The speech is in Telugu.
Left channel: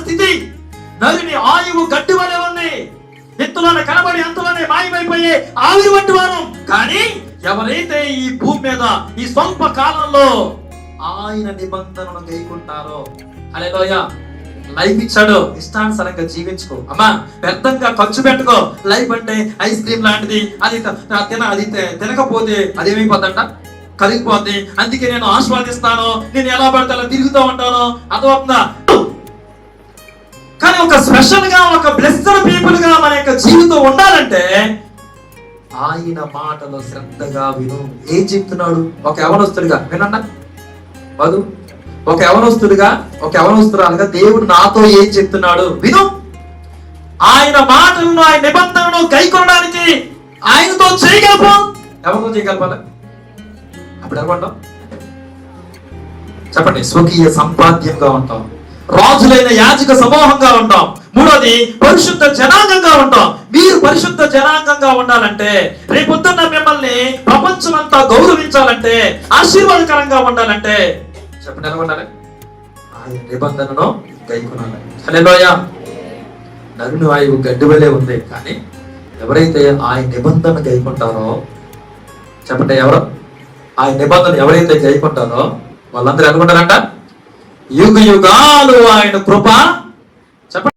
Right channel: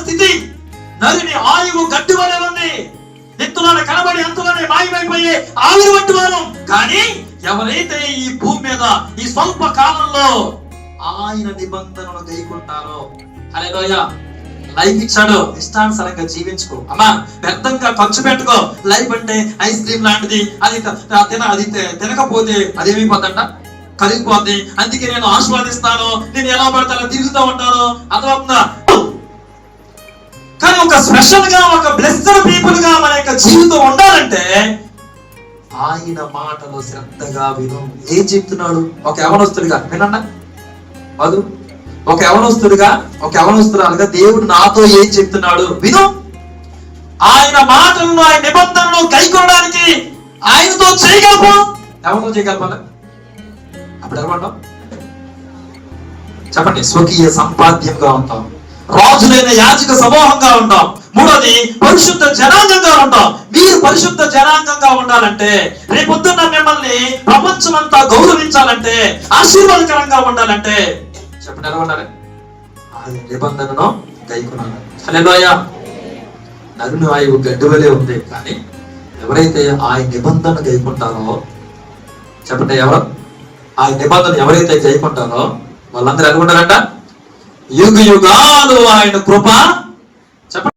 స్థితి నదిని ఆయువు గట్టి వలె ఉంది. ఎత్తులోనే కనబడి ఎంతలోనే మాయమైపోయి ఆవిరి పట్టువాను కానీ ఎవరైతే ఈ భూమి మీద ఈ స్వల్ప కాలంలో ఆయన నిబంధనలు గైకుంటారో హల్లెలూయా లైఫ్ ఇచ్చాడు. ఇష్టానుసారంగా జీవించుకో. అమ్మా వ్యర్థంగా ఖర్చు పెట్టుకో. లైఫ్ అంటే ఐస్ క్రీమ్ లాంటిది. అది తిన అది తినకపోతే అదేమైపోతుందంట కరిగిపోద్ది. అందుకే నేను ఆస్వాదిస్తాను నేను ఎలా పడతానో తిరుగుతూ ఉంటాను. అర్థమవుతుందా? మనం ఒక స్పెషల్గా ఒక బ్లెస్సర్ పీపుల్గా మన యొక్క జీవితం ఉండాలంటే ఆయన మాటలో శ్రద్ధగా విను. ఏం చెప్తున్నాడు? ఒక యవనస్తుడిగా. వినండి వదు ఒక యవనస్తుడిగా ఒక యవనస్తురాలుగా దేవుడు నాతో ఏం చెప్తున్నాడు? విను. ఆయన మాటలను ఆయన నిబంధనలు కైకొనడానికి ఆయనతో చేయగలపా ఎవరితో చేయగలపాలి అప్పుడు ఎవరు చెప్పండి. స్వకీయ సంపాద్యంగా ఉంటాం రాజులైన యాజక సమూహంగా ఉంటాం. మూడోది పరిశుద్ధ జనాంగంగా ఉంటాం. మీరు పరిశుద్ధ జనాంగంగా ఉండాలంటే రేపొద్దున్న మిమ్మల్ని ప్రపంచం అంతా గౌరవించాలంటే ఆశీర్వాదకరంగా ఉండాలంటే చెప్పండి ఎలా ఉండాలి? ఆయన నిబంధనను గైకున్నాను హల్లెలూయా. నరుని ఆయువు గడ్డి వలె ఉంది కానీ ఎవరైతే ఆయన నిబంధన గైకుంటారో చెప్పండి ఎవరు? ఆ నిబంధన ఎవరైతే గైకుంటారో వాళ్ళందరూ అనుకుంటారంట యుగ యుగాలు ఆయన కృప. చెప్పండి